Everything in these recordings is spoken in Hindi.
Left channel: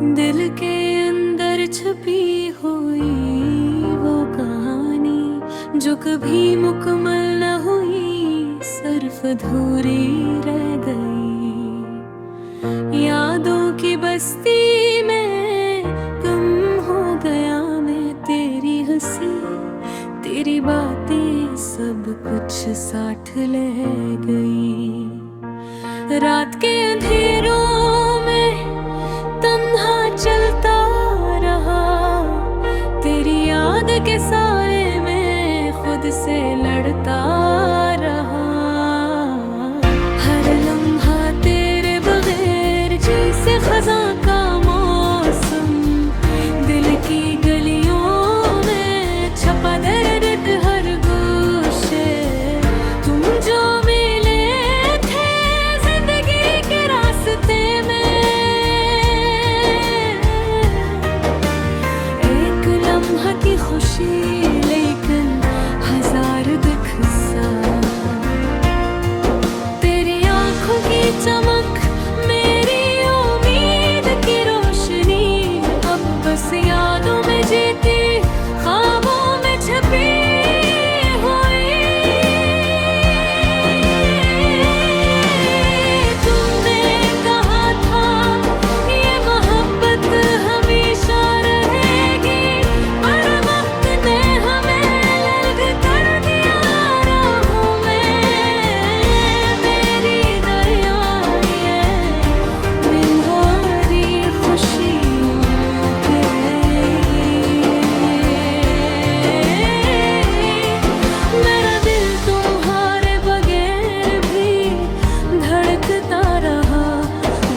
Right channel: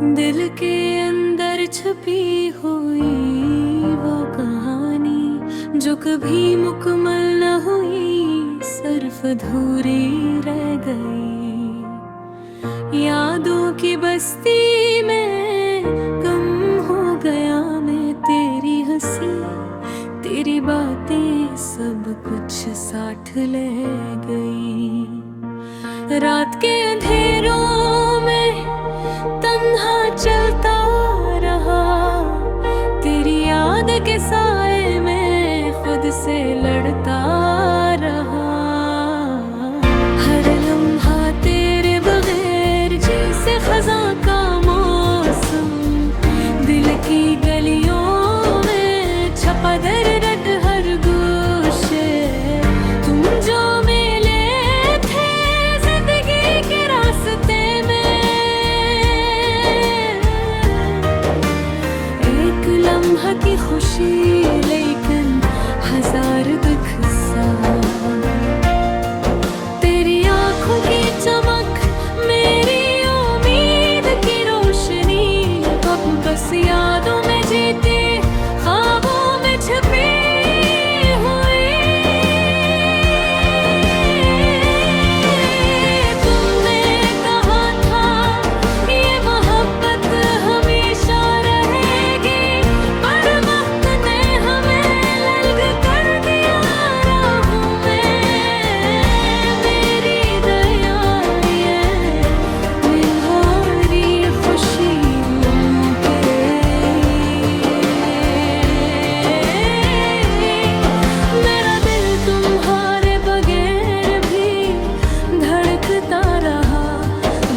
दिल के अंदर छुपी हुई वो कहानी जो कभी मुकम्मल न हुई, सिर्फ अधूरी रह गई। यादों की बस्ती में कम हो गया मैं, तेरी हंसी तेरी बातें सब कुछ साथ ले गई। रात के अंधेरों में तन्हा चलता रहा, तेरी याद के साए में खुद से लड़ता रहा। हर लम्हा तेरे बगैर जैसे खज़ां का मौसम, दिल की गलियों में छपा दर्द हर गोशे। तुम जो मिले थे जिंदगी के रास्ते में, एक लम्हा की खुशी लेकिन हजार दुख सा। तेरी आंखों की चमक मेरी उम्मीद की रोशनी, अब बस यादों में जीती ख्वाबों में छुपी हुई। तुमने कहा था ये मोहब्बत हमेशा रहेगी, पर वक्त ने हमें अलग कर दिया। राहों में मेरी दया ये मिन्हारी खुशियों के। मेरा दिल तुम्हारे बगैर भी धड़कता रहा,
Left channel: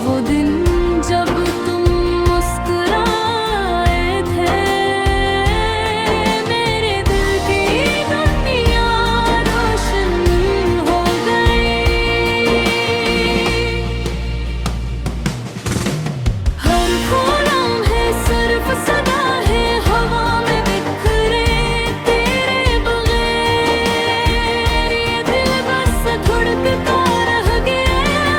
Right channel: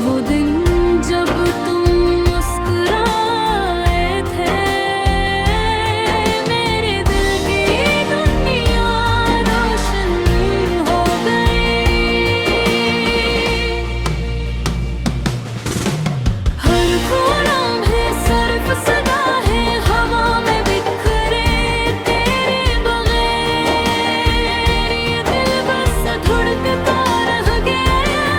वो दिन जब तुम मुस्कुराए थे। मेरे दिल की दुनिया रोशन हो गई। हर फूलों में सिर्फ सदा है हवा में बिखरे तेरे बगैर, ये दिल बस धड़कता रह गया।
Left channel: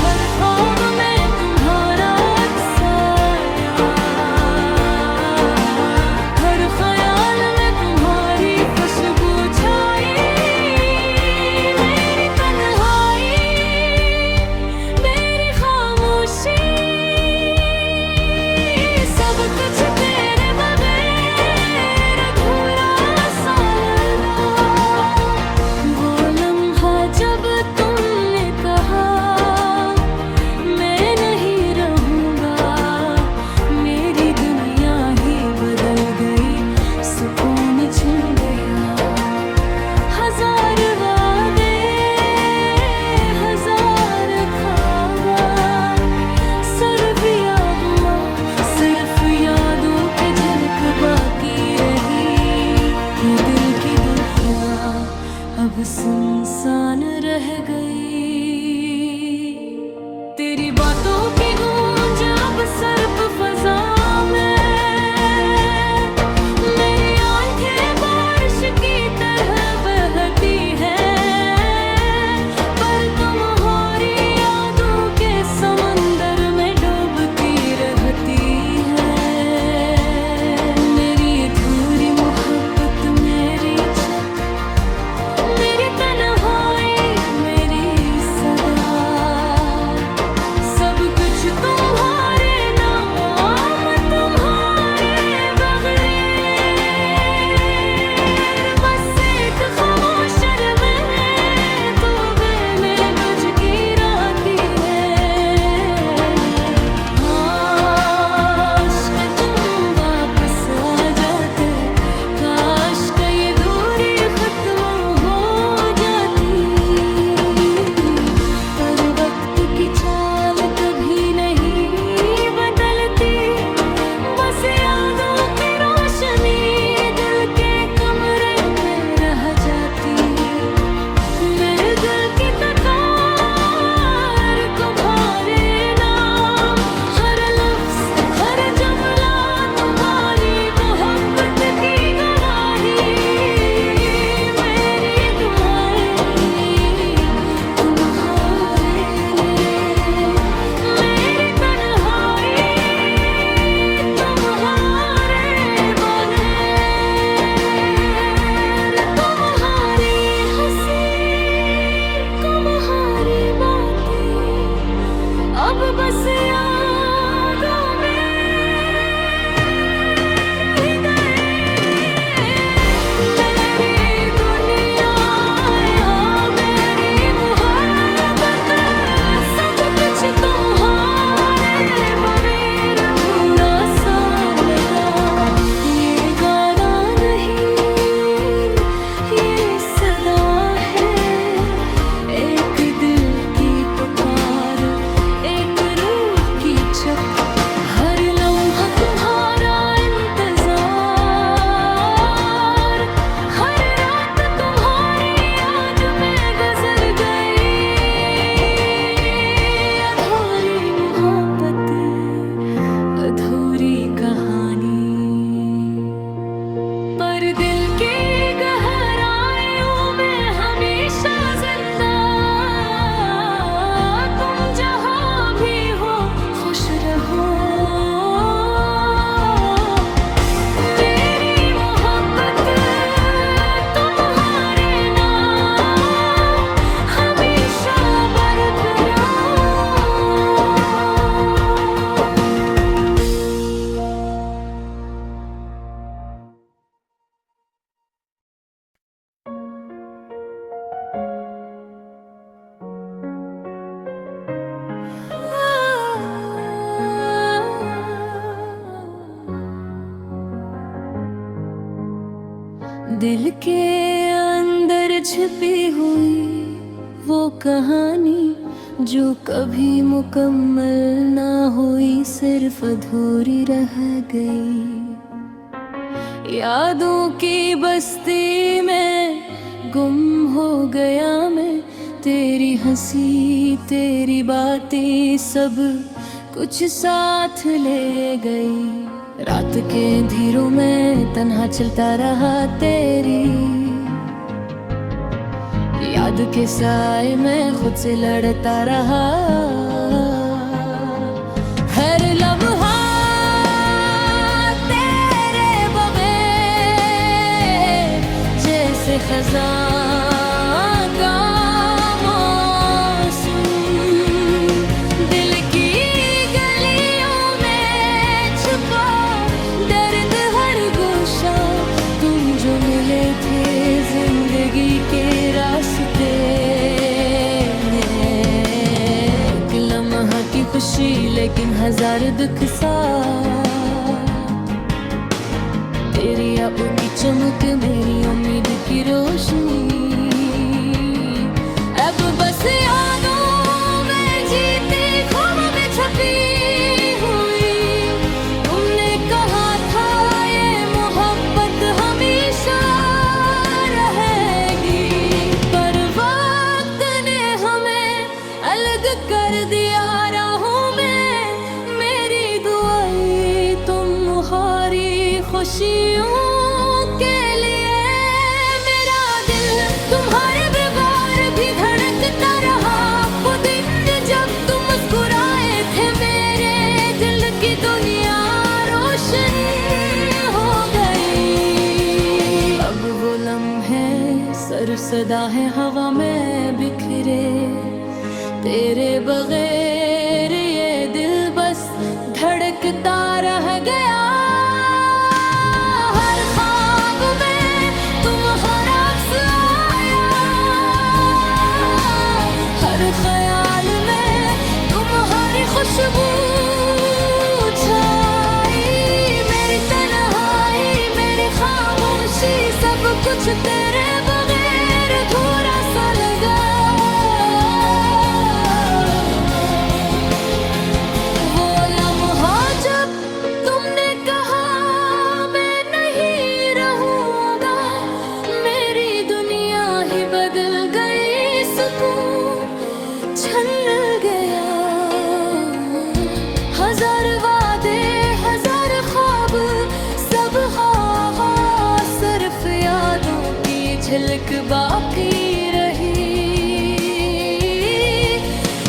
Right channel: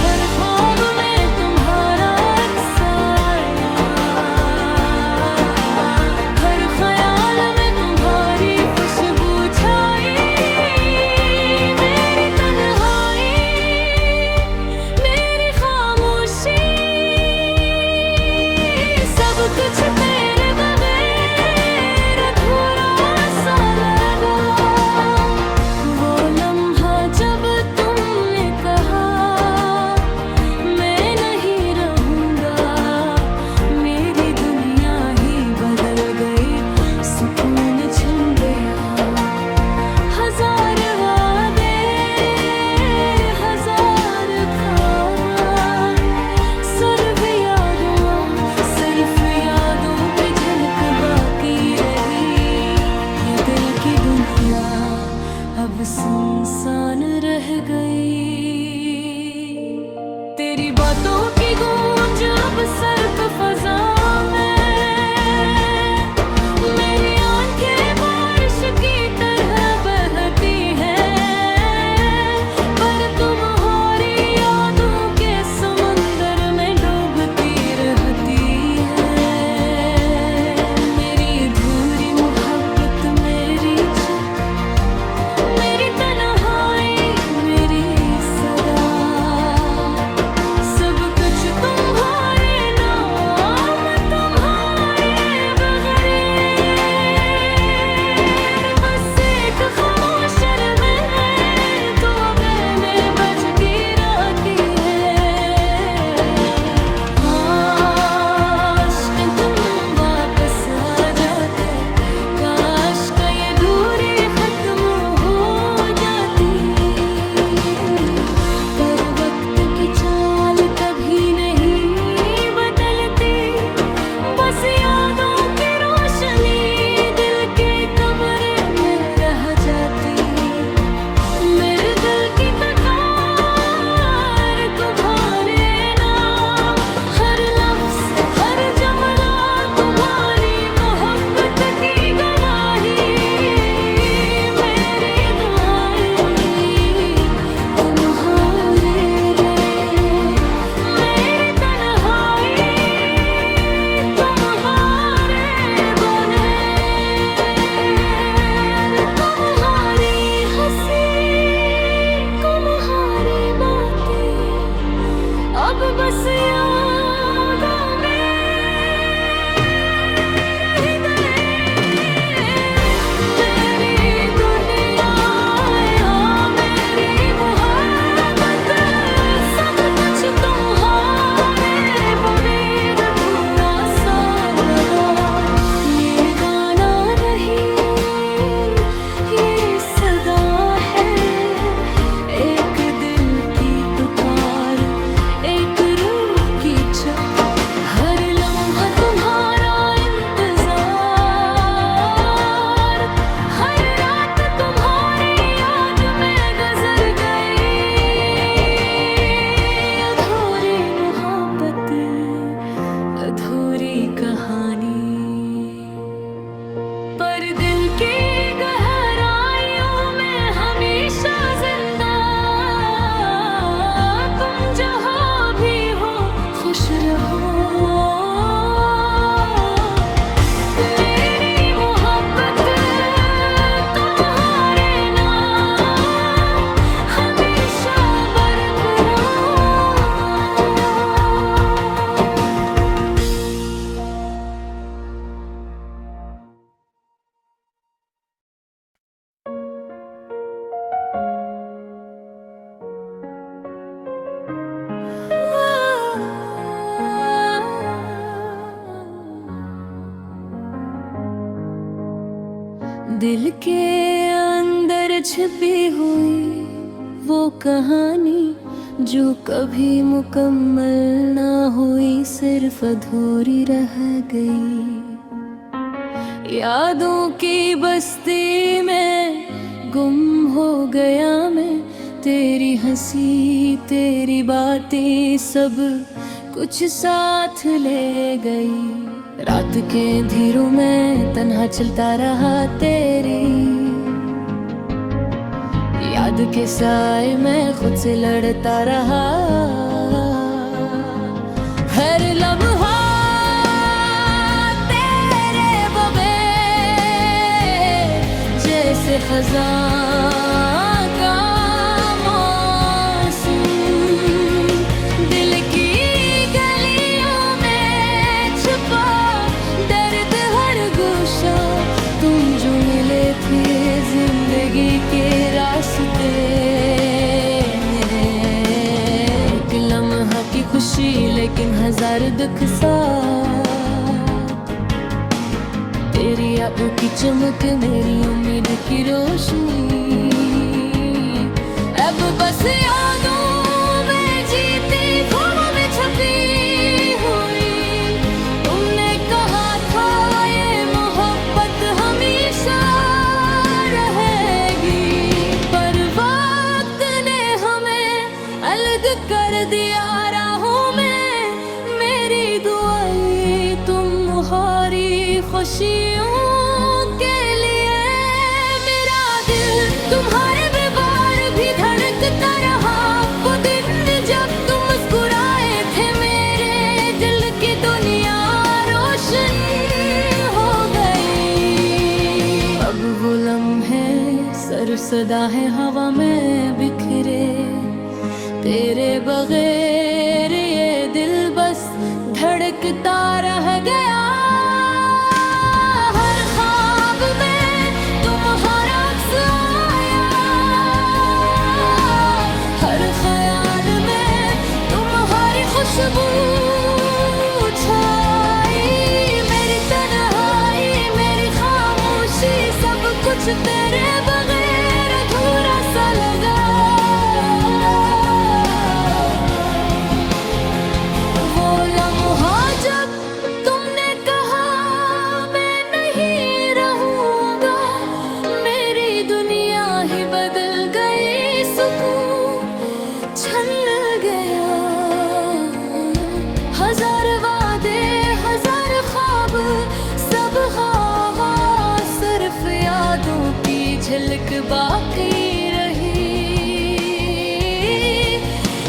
हर ख्वाब में तुम्हारा अक्स आया, हर ख्याल में तुम्हारी खुशबू छाई। मेरी तन्हाई मेरी खामोशी सब कुछ तेरे बगैर अधूरा सा लगा। वो लम्हा जब तुमने कहा मैं नहीं रहूंगा, मेरी दुनिया ही बदल गई, सुकून छिन गया। हजार वादे हजार ख्वाबा, सिर्फ यादों की झलक बाकी रही। ये दिल की दुनिया अब सुनसान रह गई। तेरी बातों की गूंज अब सर्प फजा में, मेरी आंखें बारिश की तरह बहती हैं, पर तुम्हारी यादों के समंदर में डूबती रहती है। मेरी अधूरी मोहब्बत मेरी छत, मेरी तन्हाई मेरी सदा, सब कुछ तुम्हारे नाम अधूरी कहानी, पर दिल की गहराइयों में हमेशा जिंदा। तुम जहाँ भी हो खुश रहो, मेरी मोहब्बत तुम्हारे नाम हमेशा बरकरार। दिल के अंदर छिपी हुई वो कहानी जो कभी मुकम्मल ना हुई, सिर्फ अधूरी रह गई। यादों की बस्ती में गुम हो गया मैं, तेरी हंसी तेरी बातें सब कुछ साथ ले गई। रात के अंधेरों में तन्हा चलता रहा, तेरी याद के साए में खुद से लड़ता रहा। हर लम्हा तेरे बगैर जैसे खज़ां का मौसम, दिल की गलियों में छुपा दर्द हर गोशा। तुम जो मिले थे जिंदगी के रास्ते में, एक लम्हा की खुशी लेकिन हजार दुख सा। तेरी आंखों की चमक मेरी उम्मीद की रोशनी, अब बस यादों में जीती ख्वाबों में छपी हुई। तुमने कहा था ये मोहब्बत हमेशा रहेगी, पर वक्त ने हमें अलग कर दिया राहों में। मेरी दुआएं तुम्हारी खुशियों के लिए, मेरा दिल तुम्हारे बेवार भी धड़कता रहा। वो दिन जब तुम मुस्कुराए थे, मेरे दिल की दुनिया रोशन हो गई। अब वो लम्हे सर सदा है हवा में बिखरे, तेरे बगैर ये दिल बस धड़कता रह गया। हर ख्वाब में तुम्हारा अक्स आया, हर ख्याल में तुम्हारी खुशबू छाई। मेरी तन्हाई मेरी खामोशी सब कुछ तेरे बगैर अधूरा सा लगा। वो लम्हा जब तुमने कहा मैं नहीं रहूंगा, मेरी दुनिया ही बदल गई, सुकून छन गया। हजार वादे हजार ख्वाब सब हाँ, सिर्फ यादों की झलक बाकी रही।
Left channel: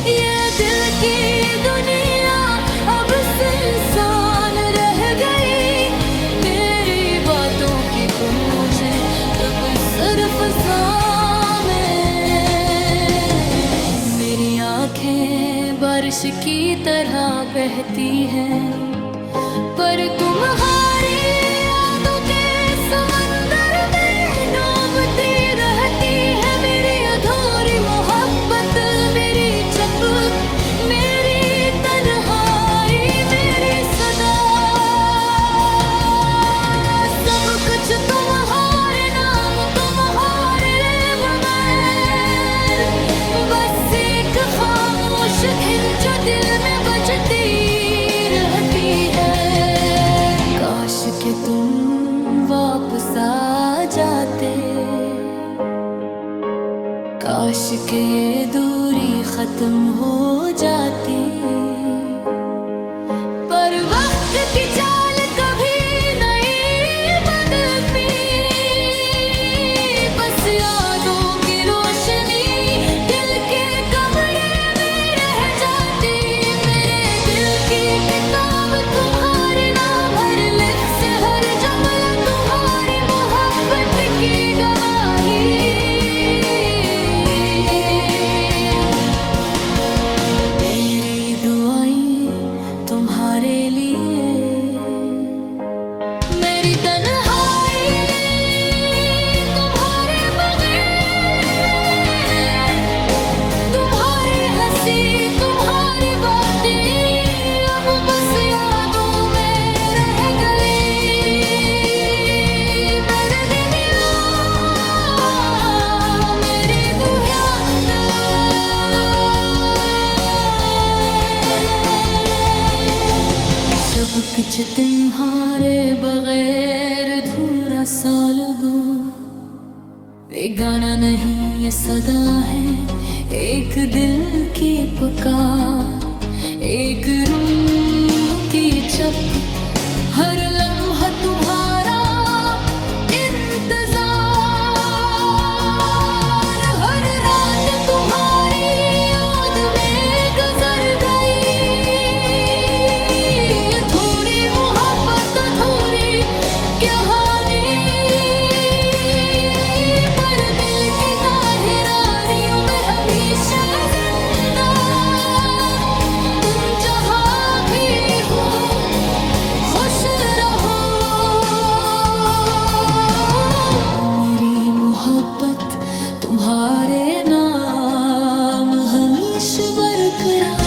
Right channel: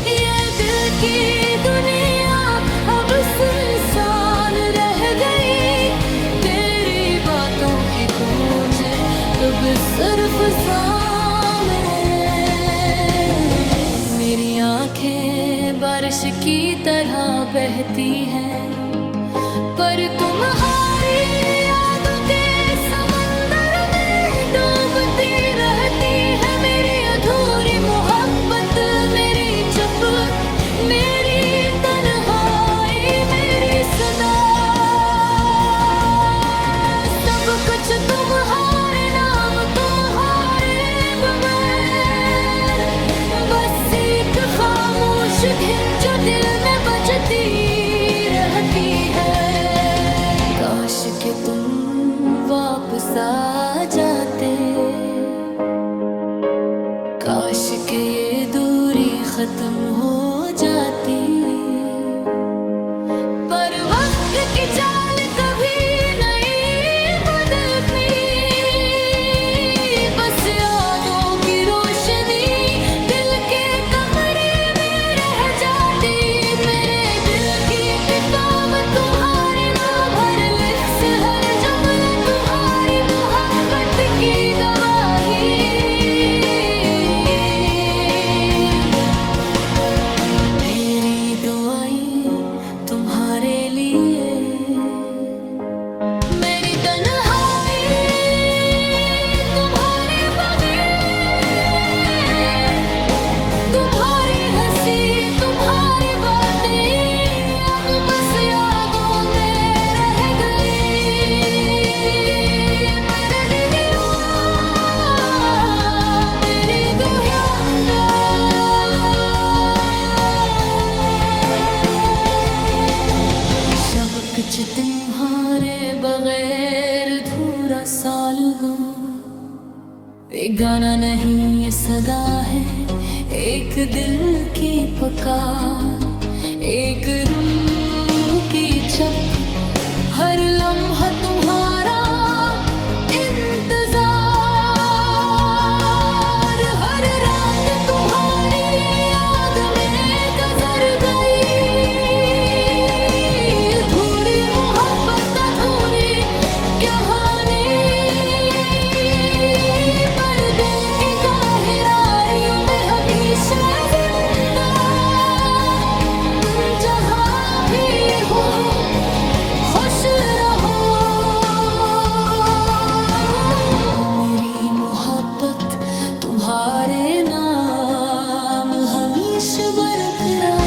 ये दिल की दुनिया अब सुनसान रह गई, तेरी बातों की गूंज अब सिर्फ में। मेरी आंखें बारिश की तरह बहती हैं, पर तुम्हारी यादों के समंदर में डूबती रहती है। मेरी अधूरी मोहब्बत मेरी चुप, मेरी तन्हाई मेरी सदा, सब कुछ तुम्हारे नाम तुम्हारे बगैर। बस एक खामोश धुन जो दिल में बजती रहती है। काश के तुम वापस आ जाते, काश के ये दूरी खत्म हो जाती, पर वक्त आँख की चाल कभी नहीं बदलती, बस यादों की रोशनी दिल के कमरे में रह जाती। मेरे दिल की किताब तुम्हारे नाम, हर लिफ्ट से हर जुमला तुम्हारी मोहब्बत की गवाही। मेरी दुआएं तुम्हारे लिए, मेरी तन्हाई तुम्हारे बगैर, तुम्हारी हंसी तुम्हारी बातें अब बस यादों में रह गई। मेरे दीदिया मेरी दुहियांदा, सब कुछ तुम्हारे बगैर अधूरा सा लगूं। ये गाना नहीं ये सदा है, एक दिल की पुकार, एक रूह की चप, हर लम्हा तुम्हारा इंतजार, हर रात तुम्हारी याद में गुजर गई। अधूरी मोहब्बत अधूरी कहानी, पर दिल की गहराइयों में हमेशा जिंदा। तुम जहाँ भी हो खुश रहो, मेरी मोहब्बत तुम्हारे नाम हमेशा बरकरार।